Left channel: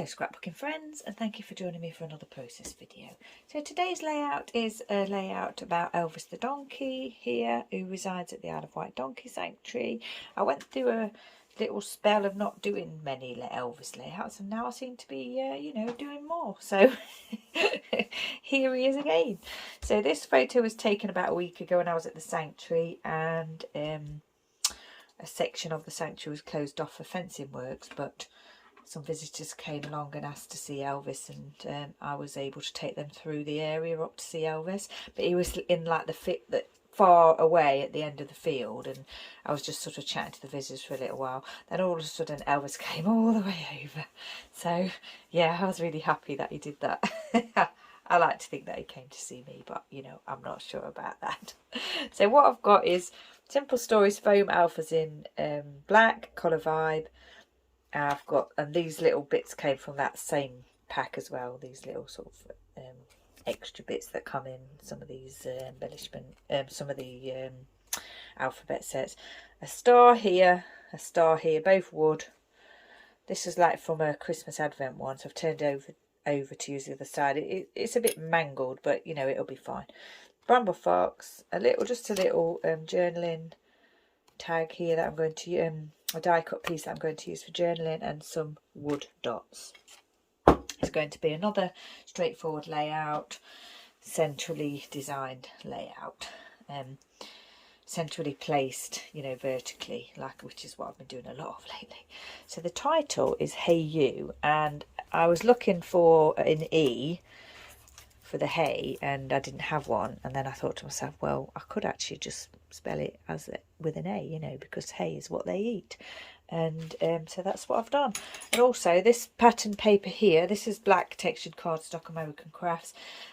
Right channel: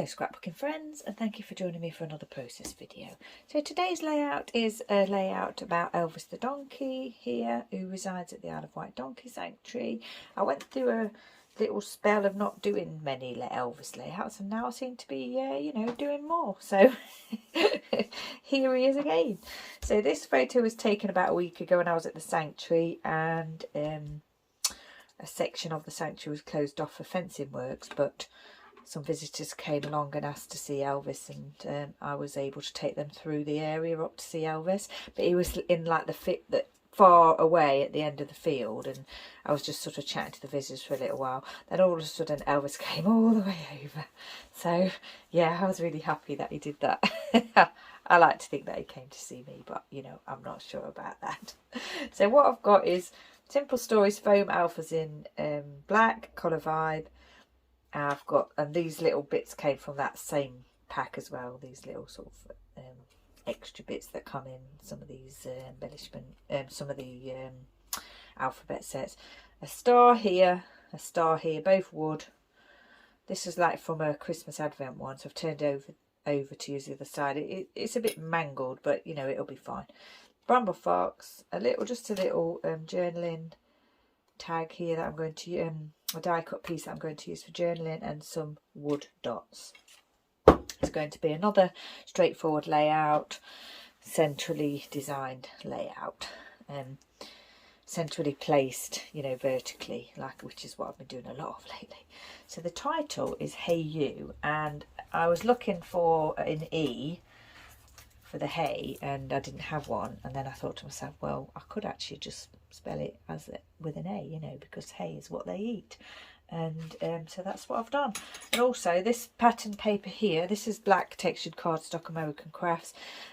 Hello scrapbooking friends, and thank you for joining me for another process video. So today's layout is a layout about Elvis the donkey here, who resides at the Isle of Wight Donkey Sanctuary. I went through a little spell of not doing many Elvis layouts, and now I seem to be doing more. So here he is again. So this photo was taken about a week ago when I was at the sanctuary, and a section of the sanctuary was closed off for fencing works, but some visitors came along and asked to see Elvis, and I was able to take them through the area up to see Elvis. But he was in like the far away at the end of the field, and I was just sort of chatting to the visitors for a little while. Then all of a sudden Elvis came all the way over. So yeah, I was really happy that he did that. I like to think that he came to see me, but I'm not sure about that. So what I've got is Simple Stories foam alphas in black, colour vibe. And these little bits came from that same pack as well. These little sort of extra bits that come in some of these embellishment, some of the alphabet sets. A star here, both wood. This is like from a Christmas Advent one, so I've turned over to use the other side. It's a bit mangled, but it'll be fine. Bramble fox, just a little journaling tag here that I'm going to a die cut piece that I'm going to use for journaling, and some wood dots. It's going to be another straightforward layout, centrally designed layout, centrally placed, vertically, which is what I've been doing a lot of lately. So the title is Hey You, and I was looking for an E for the hey, and I didn't have one, and then I thought to myself, well, I could actually just spell it with an A, because hay is what they eat, and so that's what I've done. And also this pattern paper here, this is black textured cardstock American Crafts.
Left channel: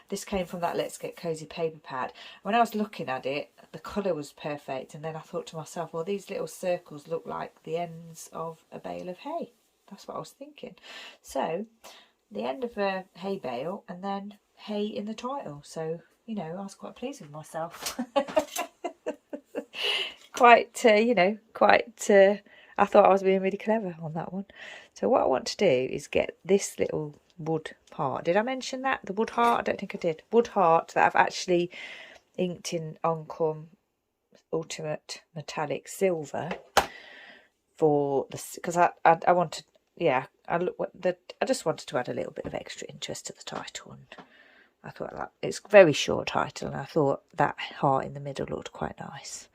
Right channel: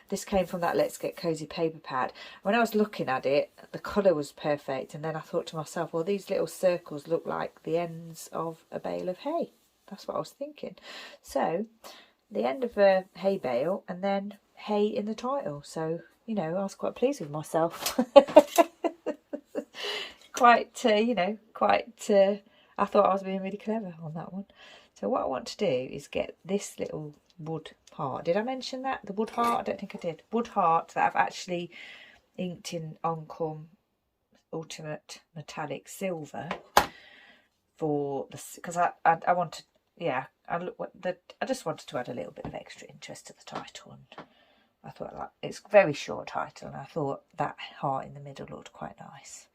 This came from that Let's Get Cozy paper pad. When I was looking at it, the colour was perfect, and then I thought to myself, well, these little circles look like the ends of a bale of hay. That's what I was thinking. So the end of a hay bale, and then hay in the title. So I was quite pleased with myself. I thought I was being really clever on that one. So what I want to do is get this little wood heart. Did I mention that? The wood heart? I don't think I did. Wood heart that I've actually inked in Oncom Ultimate Metallic Silver for this, because I wanted, I just wanted to add a little bit of extra interest to the title, and I thought that it's a very short title, and I thought that heart in the middle looked quite nice.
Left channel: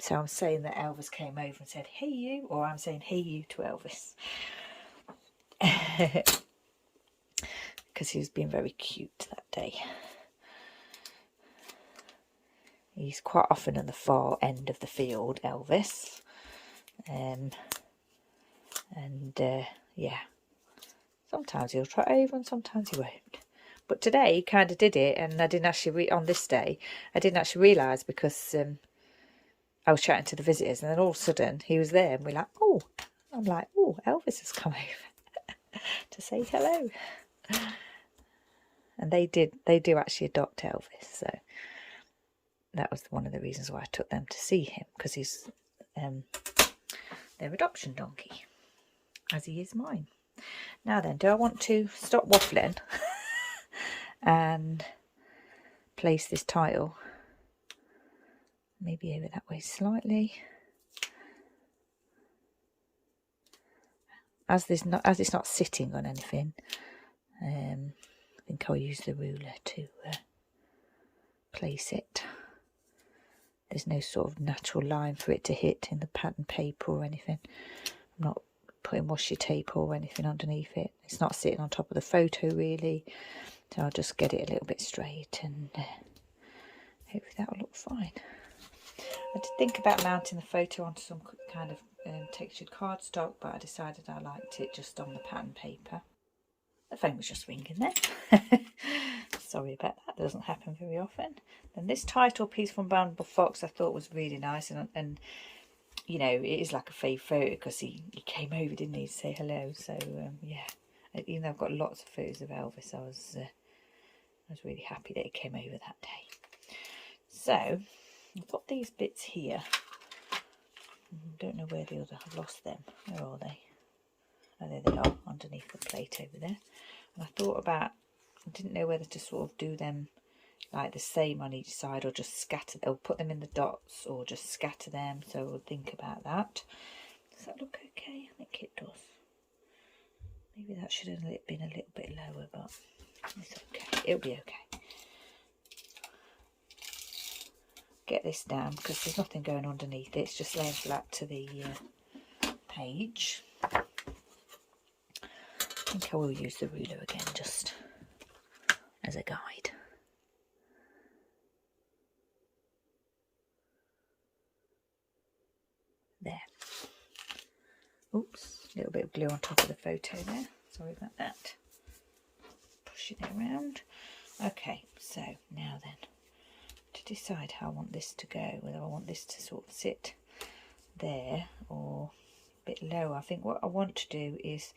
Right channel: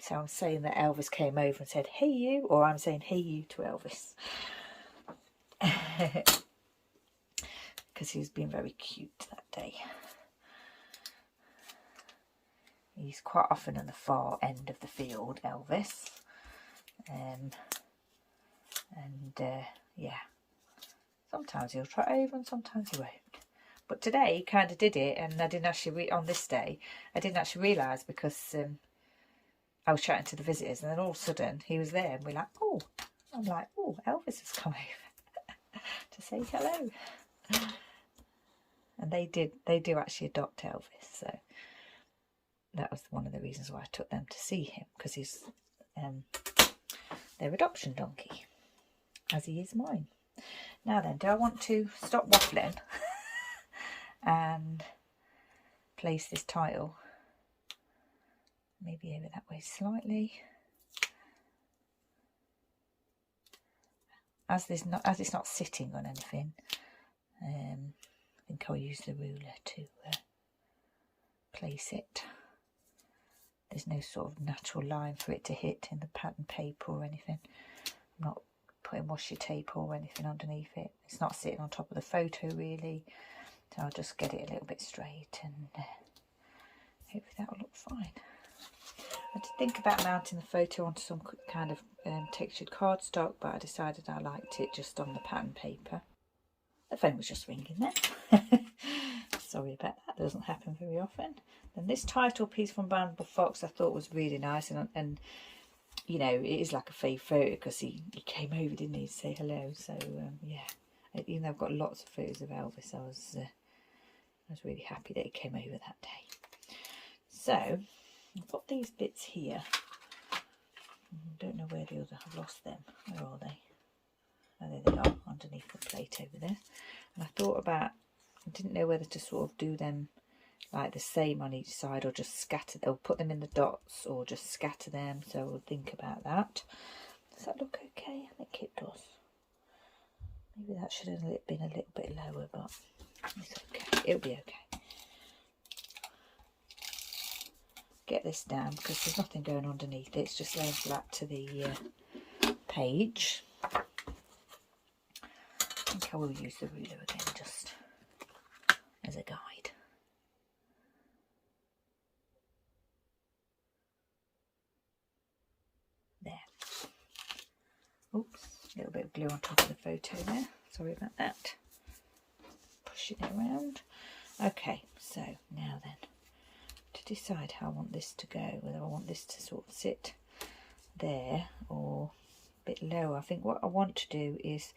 So I'm saying that Elvis came over and said, hey you, or I'm saying hey you to Elvis. Because he was being very cute that day. He's quite often in the far end of the field, Elvis. Yeah. Sometimes he'll trot over and sometimes he won't. But today he kind of did it, and I didn't actually, on this day, I didn't actually realise, because I was chatting to the visitors, and then all of a sudden he was there, and we're like, oh, I'm like, oh, Elvis has come over to say hello. And they do actually adopt Elvis, so that was one of the reasons why I took them to see him, because he's their adoption donkey, as he is mine. Now then, do I want to stop waffling and place this title maybe over that way slightly, as it's not sitting on anything? I think I'll use the ruler to place it. There's no sort of natural line for it to hit in the pattern paper or anything. I'm not putting washi tape or anything underneath it. It's not sitting on top of the photo really, so I'll just get it a little bit straight, and hopefully that will look fine. I did think about mounting the photo onto some kind of textured cardstock, but I decided I liked it just on the pattern paper. The phone was just ringing there. Sorry about that, doesn't happen very often. Then this title piece from Bramble Fox I thought was really nice, and it is like a fave photo, because he came over, didn't he, to say hello. So yeah, even though I've got lots of photos of Elvis, I was really happy that he came over that day. So I've got these bits here. I don't know where the other, I've lost them. Where are they? Oh, there they are. underneath the plate over there. And I thought about, I didn't know whether to sort of do them like the same on each side, or just scatter, or put them in the dots, or just scatter them. So we'll think about that. Does that look okay? I think it does. Maybe that should have been a little bit lower, but it's okay. It'll be okay. Get this down because there's nothing going underneath it. It's just laying flat to the page. I think I will use the ruler again just as a guide. There. Oops, a little bit of glue on top of the photo there. Sorry about that. Pushing it around. Okay, so now then, to decide how I want this to go, whether I want this to sort of sit there or a bit lower. I think what I want to do is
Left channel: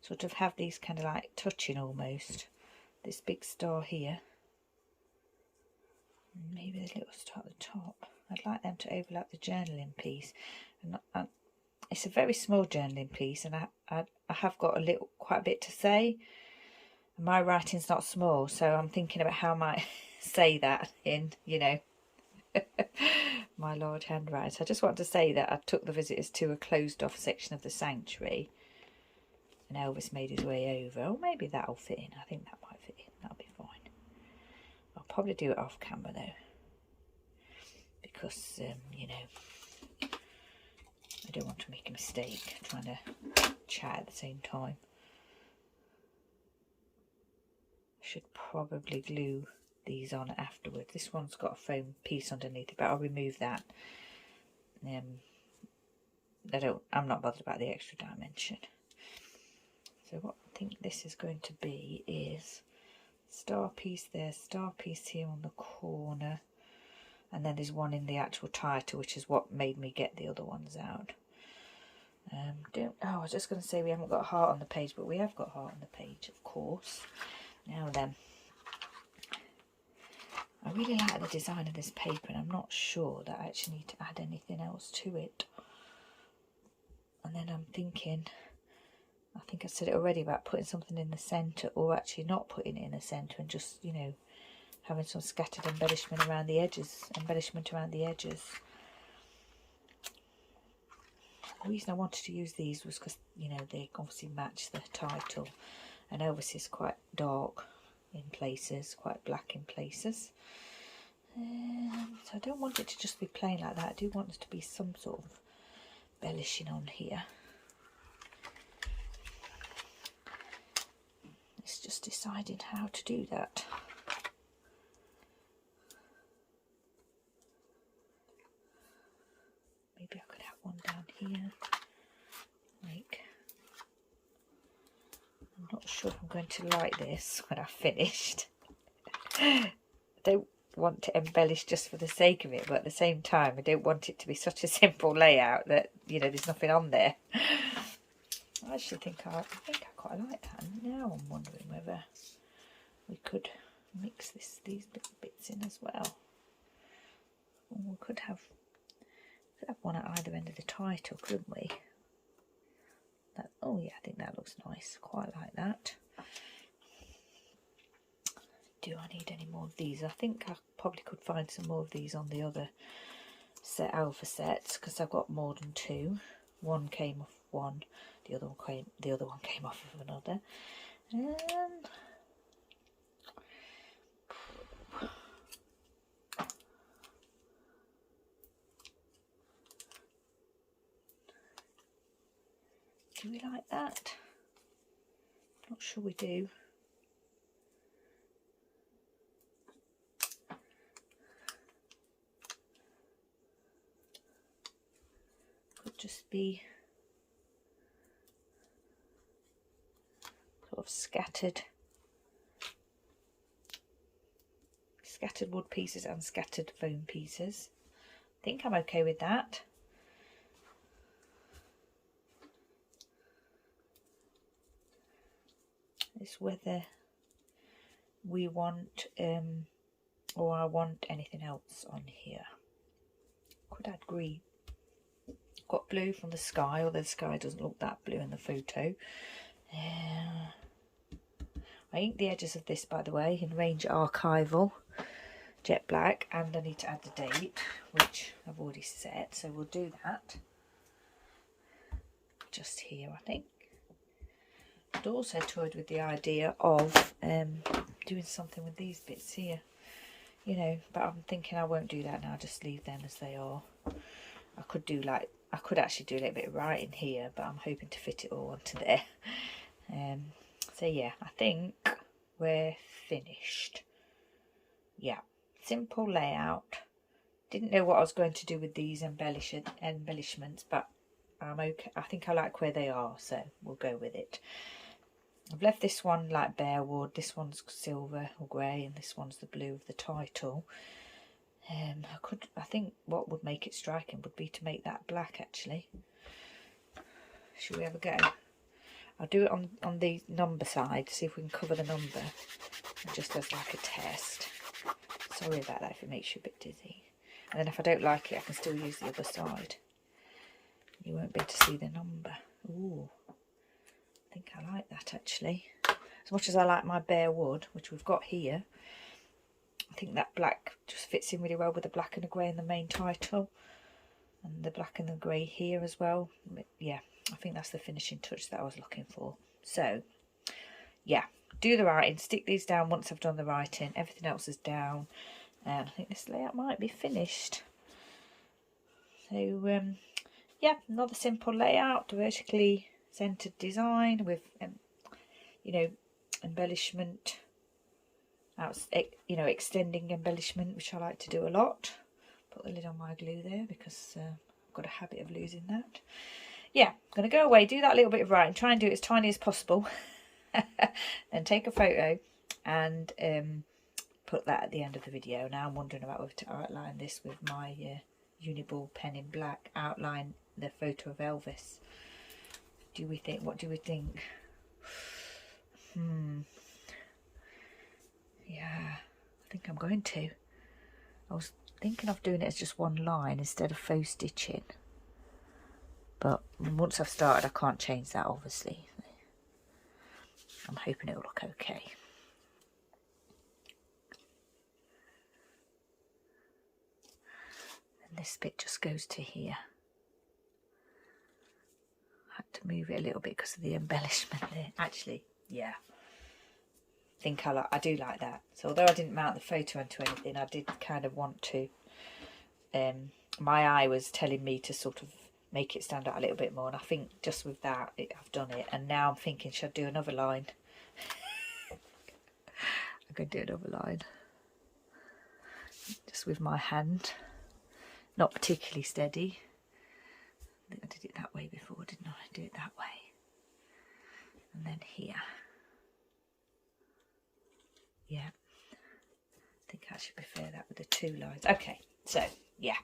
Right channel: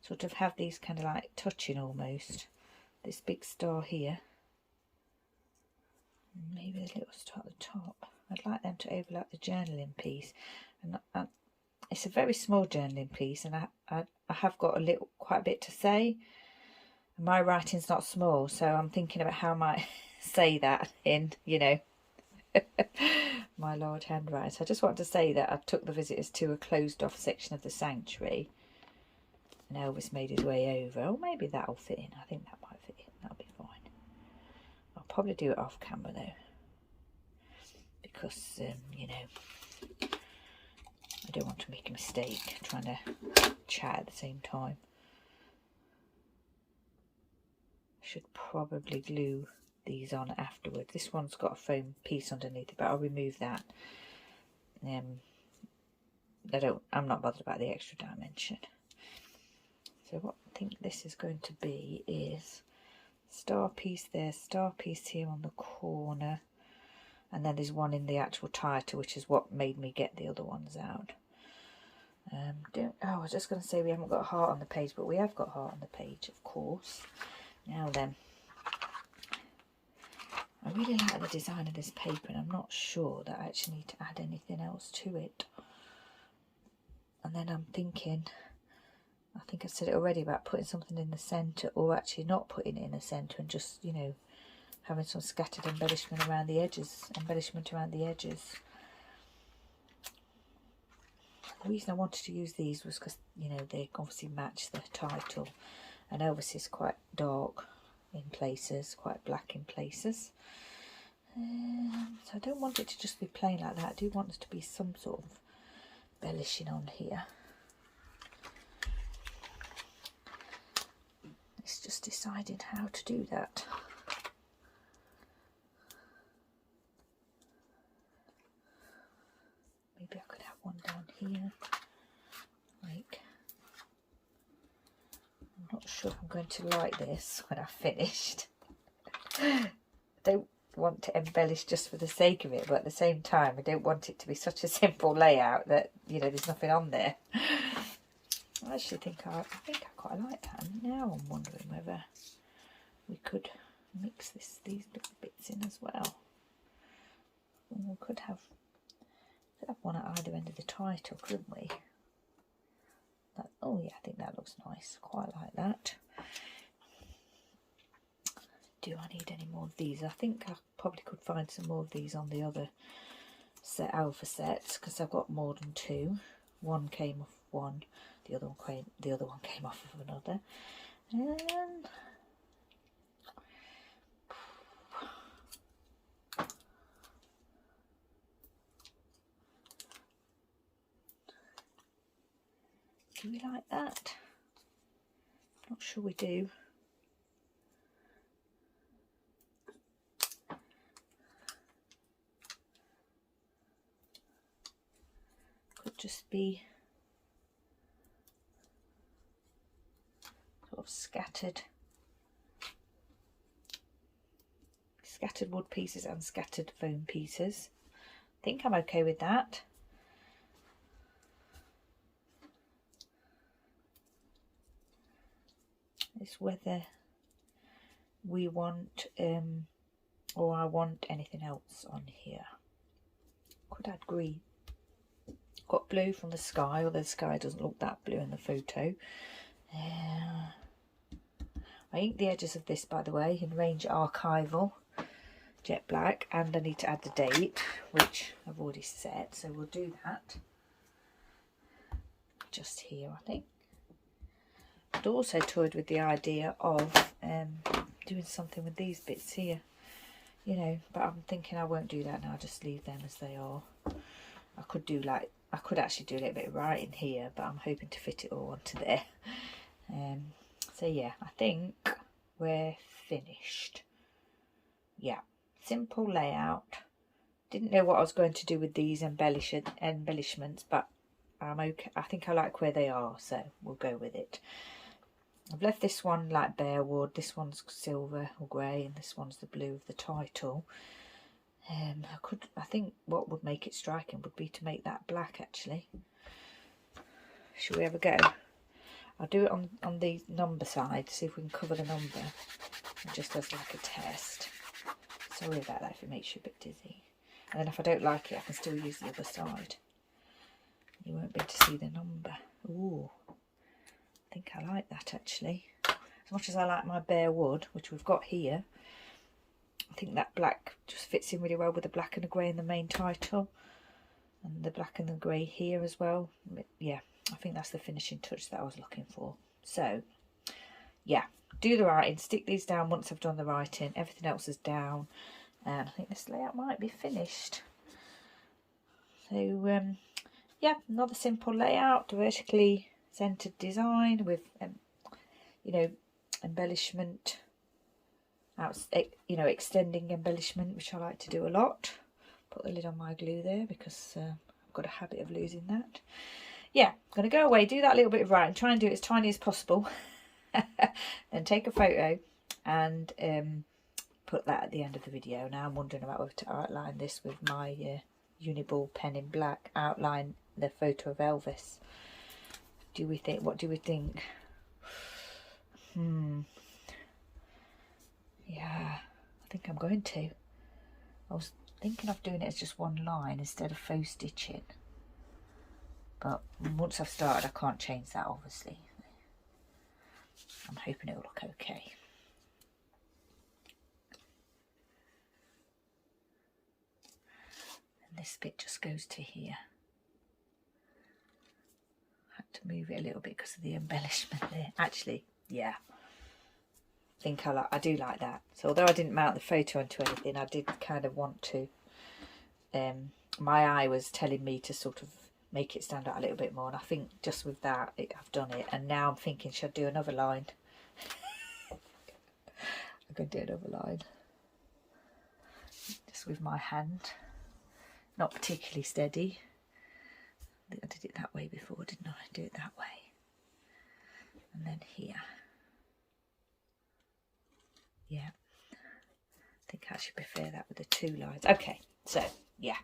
sort of have these kind of like touching almost. This big star here. Maybe the little star at the top. I'd like them to overlap the journaling piece. And it's a very small journaling piece, and I have got quite a bit to say. My writing's not small, so I'm thinking about how I might say that in, you know, my large handwriting. So I just want to say that I took the visitors to a closed off section of the sanctuary, and Elvis made his way over. Oh, maybe that'll fit in. I think that might fit in. That'll be fine. I'll probably do it off camera though, because you know, I don't want to make a mistake trying to chat at the same time. I should probably glue these on afterwards. This one's got a foam piece underneath it, but I'll remove that. I'm not bothered about the extra dimension. So what I think this is going to be is star piece there, star piece here on the corner, and then there's one in the actual title, which is what made me get the other ones out. I was just going to say we haven't got a heart on the page, but we have got a heart on the page, of course. Now then, I really like the design of this paper, and I'm not sure that I actually need to add anything else to it. And then I'm thinking, I think I said it already about putting something in the centre, or actually not putting it in the centre and just, you know, having some scattered embellishment around the edges. The reason I wanted to use these was because, you know, they obviously match the title, and Elvis is quite dark in places, quite black in places. So I don't want it to just be plain like that. I do want there to be some sort of embellishing on here. It's just deciding how to do that. Maybe I could have one down here, like, I'm not sure if I'm going to like this when I've finished. I don't want to embellish just for the sake of it, but at the same time I don't want it to be such a simple layout that, you know, there's nothing on there. I actually think I quite like that, and now I'm wondering whether we could mix these little bits in as well. Or we could have one at either end of the title, couldn't we? Oh yeah, I think that looks nice. Quite like that. Do I need any more of these? I think I probably could find some more of these on the other set, alpha sets, because I've got more than two. One came off one, the other one came off of another. Do we like that? Not sure we do. Could just be sort of scattered wood pieces and scattered foam pieces. I think I'm okay with that. It's whether we want or I want anything else on here. Could add green. Got blue from the sky, although the sky doesn't look that blue in the photo. I inked the edges of this, by the way, in Range Archival jet black, and I need to add the date, which I've already set, so we'll do that just here, I think. I'd also toyed with the idea of doing something with these bits here, you know, but I'm thinking I won't do that now, just leave them as they are. I could actually do a little bit of writing here, but I'm hoping to fit it all onto there. So yeah, I think we're finished. Yeah, simple layout. Didn't know what I was going to do with these embellishments, but I'm okay. I think I like where they are, so we'll go with it. I've left this one like bare wood, this one's silver or grey, and this one's the blue of the title. I think what would make it striking would be to make that black, actually. Shall we have a go? I'll do it on the number side, see if we can cover the number, just as like a test. Sorry about that if it makes you a bit dizzy. And then if I don't like it, I can still use the other side. You won't be able to see the number. Ooh, I think I like that, actually. As much as I like my bare wood, which we've got here, I think that black just fits in really well with the black and the grey in the main title. And the black and the grey here as well. Yeah, I think that's the finishing touch that I was looking for. So, yeah, do the writing, stick these down once I've done the writing. Everything else is down. And I think this layout might be finished. So, yeah, another simple layout, vertically centered design with, you know, embellishment, you know, extending embellishment, which I like to do a lot. Put the lid on my glue there because I've got a habit of losing that. Yeah, I'm going to go away, do that little bit of writing, try and do it as tiny as possible, then take a photo and put that at the end of the video. Now I'm wondering about whether to outline this with my Uniball pen in black, outline the photo of Elvis. Do we think? What do we think? Yeah, I think I'm going to. I was thinking of doing it as just one line instead of faux stitching. But once I've started, I can't change that, obviously. I'm hoping it'll look okay. And this bit just goes to here. I had to move it a little bit because of the embellishment there. Actually, yeah. I do like that. So although I didn't mount the photo onto anything, I did kind of want to. My eye was telling me to sort of make it stand out a little bit more, and I think just with that I've done it. And now I'm thinking, should I do another line? I'm going to do another line just with my hand, not particularly steady. I think I did it that way before, didn't I? Do it that way, and then here. Yeah, I think I should prefer that with the two lines. Okay, so yeah,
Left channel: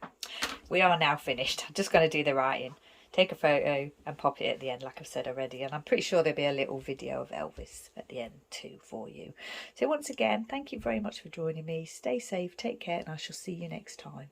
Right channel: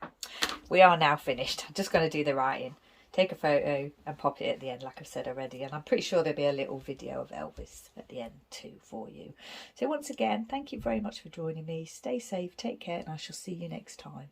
we are now finished. I'm just going to do the writing, take a photo and pop it at the end, like I've said already. And I'm pretty sure there'll be a little video of Elvis at the end too for you. So once again, thank you very much for joining me. Stay safe, take care, and I shall see you next time.